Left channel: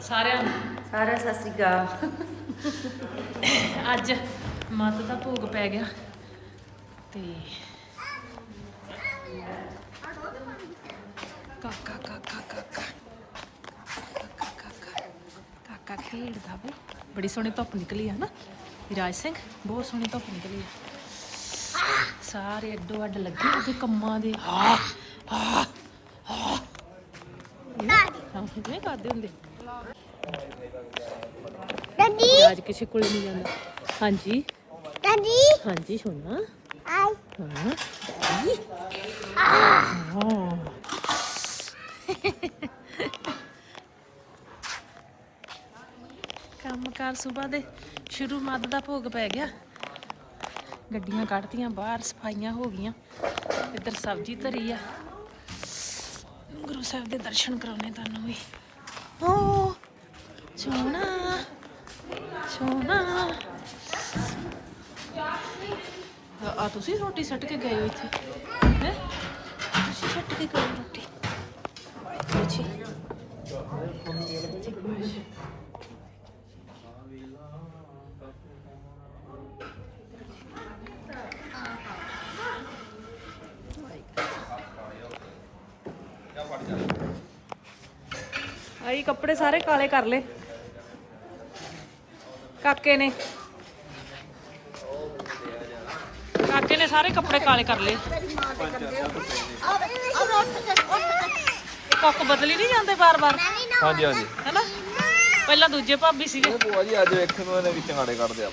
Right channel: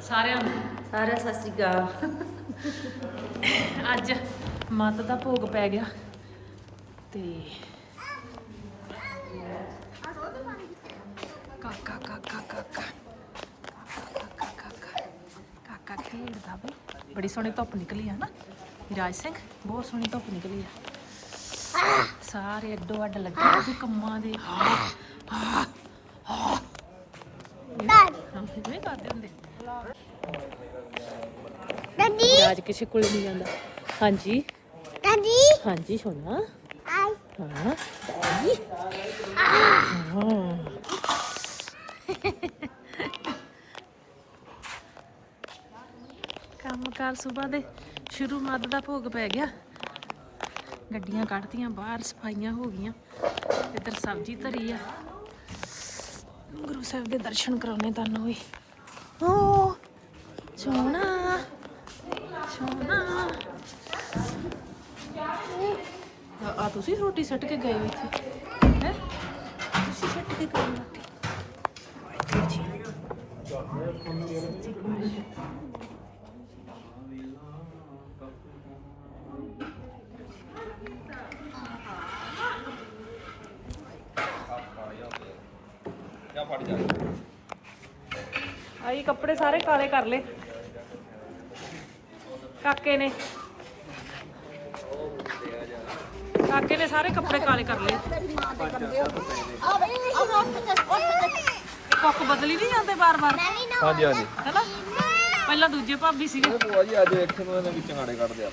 ਸਾਰਿਆਂ ਨੂੰ। ਸਾਰਿਆਂ ਸਤਿ ਸ਼੍ਰੀ ਅਕਾਲ। ਅੱਜ ਮੱਤ ਦਾ ਭੋਗ ਪੈ ਗਿਆ ਤੇ ਕਾਕਾ ਕਾਕਾ ਕਾਕਾ ਕਾਕਾ ਕਾਕਾ ਕਾਕਾ ਖੇਡਦਾ ਬਈ ਬੜੀ ਸੋਹਣੀ ਧੁੱਪ ਨਿਕਲੀ ਆ ਨਾ। ਵਿਰਾਜ ਸਿੰਘ ਬਹੁਤ ਸੋਹਣੀ ਧੁੱਪ ਨਿਕਲੀ ਆ। ਸਾਰੇ ਅੱਡੋ ਅੱਡ ਲੱਗੇ ਕੰਮਾਂ ਦੇ। ਆ ਆ ਆ। ਹਾਂ ਇਹ ਕਰਦੇ ਹੁੰਦੇ ਦਾਦੀ ਵਿਰਾਜ ਕਿਸੇ ਕੋਲ ਨਹੀਂ ਜਾਂਦਾ। ਹਾਂਜੀ। ਦਾਦੀ ਹਾਂਜੀ ਸੋਨਾ। ਆਈ ਹਾਂ ਹਾਂ। ਕੰਮ ਕਾਰ ਸਵੇਰ ਦੇ ਸ਼ੁਰੂ ਮੱਧ ਦਾ ਭੋਗ ਪੈ ਗਿਆ। ਗੱਡੀਆਂ ਕੱਢਤੀਆਂ ਬਾਹਰ ਸਫਾਈਆਂ ਹੋ ਗਈਆਂ। ਇੱਧਰ ਸਬਜ਼ੀ ਧਰੀ ਆ। ਗੁਰੂ ਸਾਹਿਬ ਦੇ ਦਰਸ਼ਨ ਕਰਾਉਣੇ ਤੁਹਾਨੂੰ ਵੀ। ਓ, ਸੋਨਾ ਸੋਨਾ। ਆ ਤੁਸੀਂ ਰੋਟੀ ਸੱਟ ਕੇ ਗਏ ਹੋ ਇੱਥੇ? ਹੈ? ਤੁਸੀਂ ਸੱਟ ਕੇ ਗਏ ਰੋਟੀ? ਆਈ ਕੱਪੜੇ ਸਾਰੇ ਕਾਲੇ ਕਰ ਲਏ। ਕਾਕੇ ਨੇ। ਕਾਕੇ ਨੇ ਸਾਰੇ ਕੱਪੜੇ ਕਾਲੇ ਕਰ ਲਏ। ਕੁੱਕ ਬਦਲੀ ਨਹੀਂ ਜਾਂਦੇ ਬਾਰ-ਬਾਰ ਹਾਂਜੀ ਹਾਂਜੀ। ਹੈਨਾ? ਪਹਿਲਾਂ ਦੂਜੇ ਭਾਬੀ ਸੀਗੇ। ਭੂਆ ਜੀ ਅੱਜ ਵੇਖੇ ਮੈਂ ਉਹਨੇ ਵਿੱਚ ਚੰਗਾੜੇ ਕੱਢ ਦਿਆ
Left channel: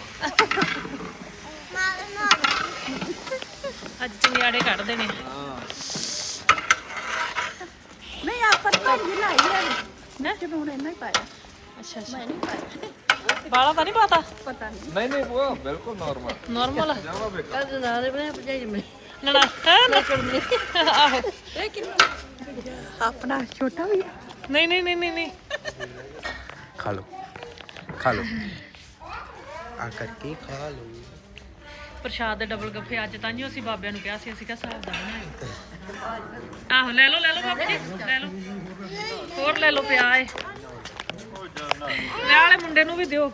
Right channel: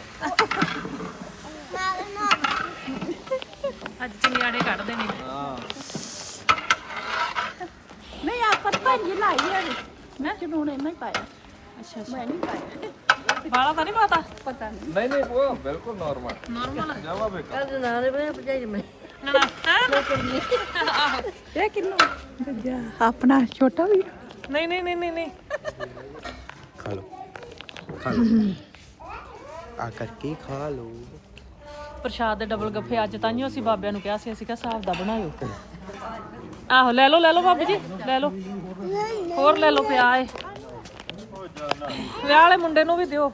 ਅੱਜ ਚੰਗਿਆੜੇ ਕੱਢਦੇ ਨੇ। ਹਾਂ। ਪ੍ਰਸ਼ਾਦ ਦੇ ਡਬਲ ਗੱਫੇ ਅੱਜ ਤਾਂ ਹੀ ਅਸੀਂ ਬਾਬਿਆਂ ਨੂੰ ਕਿਹਾ ਸੀ ਅਸੀਂ ਕਿਹਾ ਹਿਸਾਬ ਦਾ ਬਣਾਇਓ। ਆਹੋ ਲੈ ਲਓ ਲੈ ਲਓ ਬਾਬੂ ਜੀ ਲੈ ਲਓ। ਹੋਰ ਲੈ ਲਓ ਪਿਆ ਏ। ਵਿਆਹ ਵਾਲੇ ਮੁੰਡੇ ਨੂੰ ਵੀ ਦਿਓ।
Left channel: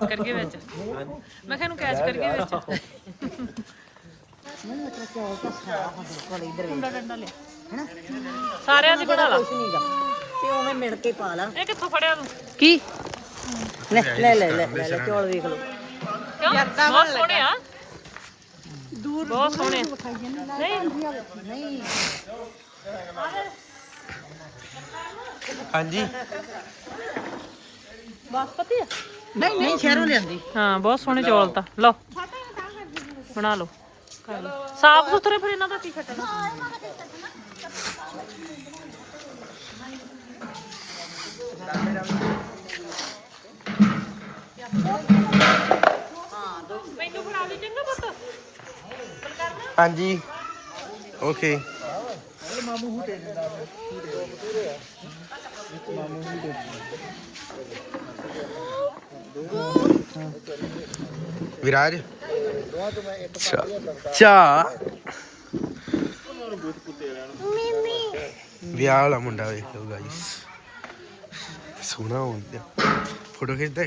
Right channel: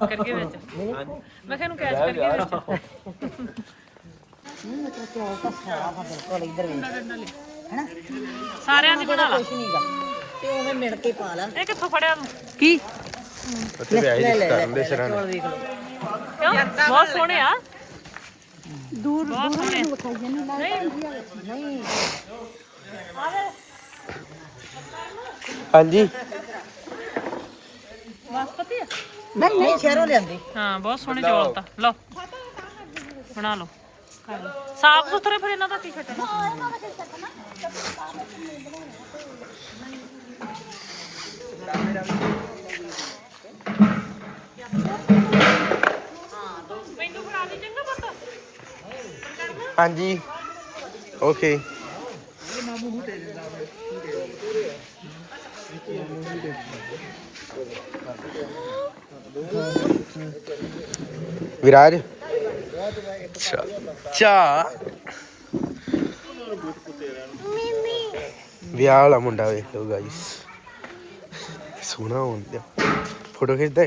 ਕਰਕੇ ਵਿੱਚ। ਮੈਂ ਕਿਹਾ ਇਹਨੂੰ ਕੈਚ ਕਰਕੇ ਵਿੱਚ। ਨਹੀਂ ਮਤਲਬ ਕਿ ਉਹ ਤਾਂ ਸਾਰਾ ਬਿਲਕੁਲ ਇੱਧਰ ਮੁੰਡਾ ਕੱਢ ਲੈ ਹੈਨਾ ਸਾਰਿਆਂ ਦੀ ਬਣਾ ਕੁਝ ਨਹੀਂਗਾ ਤੇ ਉਹ ਮਿਣ ਕੇ ਪਾ ਲਾ। ਇਹ ਕਿੱਥੋਂ ਫੜਿਆ ਤੂੰ? ਕੀ? ਲੈ ਲੈ ਲੈ ਕਰਨ ਦੇ ਸ਼ਰਨ ਵੇਖ ਲਓ ਬਹੁਤ ਸੋਹਣੇ ਆ। ਦੂਰ ਦੂਰ ਨਹੀਂ। ਦਿਖਾਈ ਹਾਂ ਬਹੁਤ ਸੋਹਣੇ ਚੌਲ ਤਾਂ। ਲਓ। ਬਣਾ ਲਓ। ਸਾਫ਼ ਸੁਥਰੇ ਫਿਰ ਇਹਨਾਂ ਦਾ ਕੀ ਖਟਣਾ? ਹਾਂਜੀ। ਓਕੇ ਵਿਰਾਜ ਚਾ ਚਾ ਵਿਆਹ ਵਾਲਾ ਮੁੰਡਾ ਵੇਖ ਲਓ ਗਾਇਸ ਸੋਹਣਾ ਹੁੰਦਾ ਫੋਟੋ ਖਿੱਚਦਾ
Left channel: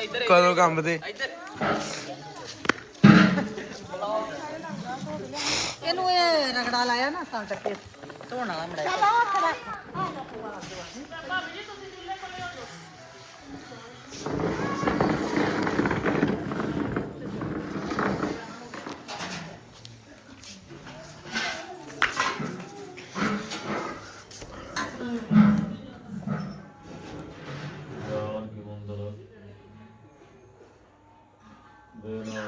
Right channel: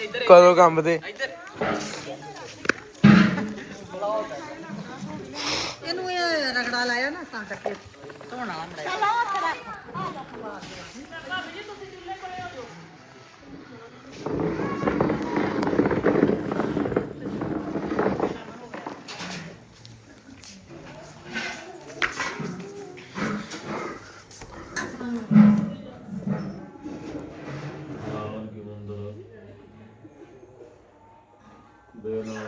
ਕਦੋਂ ਕੰਮ ਤੇ ਇਹਨੂੰ ਇਹ ਰਗੜਾ ਲਾਇਆ ਨਾ ਤਾਂ ਕਰਕੇ ਧੋਣਾ ਹੁੰਦਾ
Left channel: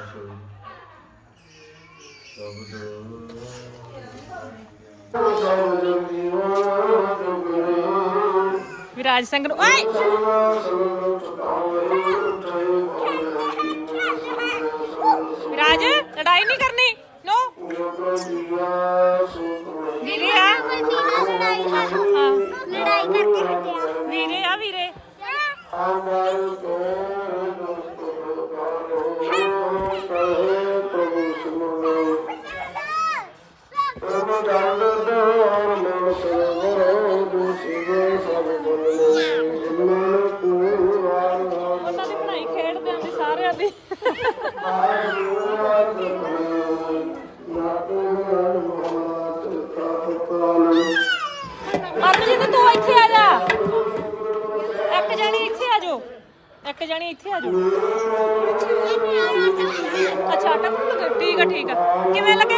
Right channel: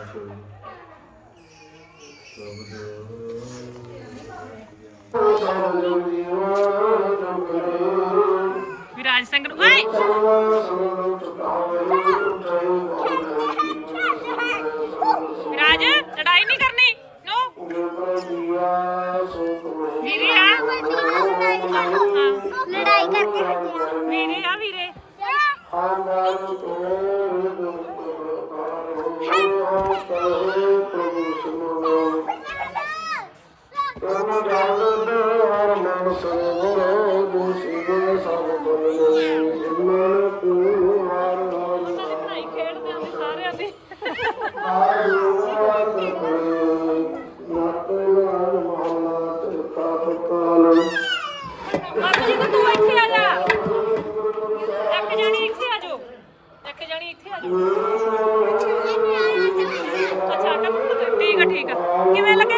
ਵਿਰਾਜ ਸਿੰਘ ਨੂੰ ਓਏ! ਵਿਰਾਜ ਲੜਾਈ ਨਹੀਂ ਕਰਨੀ ਨੋ ਵੀਰੇ ਆ। ਲੜਾਈ ਕਰਕੇ ਹਟਿਆ। ਵੀਰੇ ਆ ਵੀਰੇ। ਨਹੀਂ ਖੇਡਦੇ ਨੇ ਸਾਰਿਆਂ ਦੇ ਅੱਜ ਜੀ ਤੂੰ ਇੱਥੇ ਆ ਜਾ ਇੱਕ ਜਾਣੀ ਇੱਥੇ ਆ ਜਾਓ ਇੱਕ ਜਾਣੀ ਇੱਥੇ ਆ ਜਾਓ ਅੱਛਾ ਟੱਕ- ਠੀਕ ਆ ਠੀਕ ਆ ਕਿਵੇਂ ਲੱਗੇ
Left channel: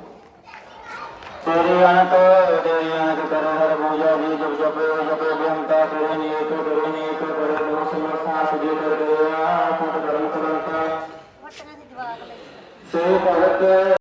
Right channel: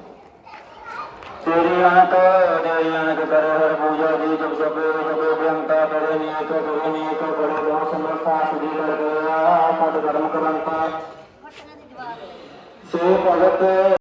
ਤੇਰੇ ਅਨੰਤ ਤੇਰੇ ਅਨੰਤ ਕਰ ਹਰ ਪੂਜਾ ਜੀ ਜਪ ਜਪ ਜਪ ਬੇਅੰਤਾ ਤੇਰੇ ਨੀਕ ਤੇਰੇ ਨੀਕ ਬੜੇ ਦੋ ਸਮਰਥਾ ਸੁਜੀ ਲਗਿਆ ਸਤ ਕਰਮ ਕਮੰਤਾ। ਸੇ ਭਗਤ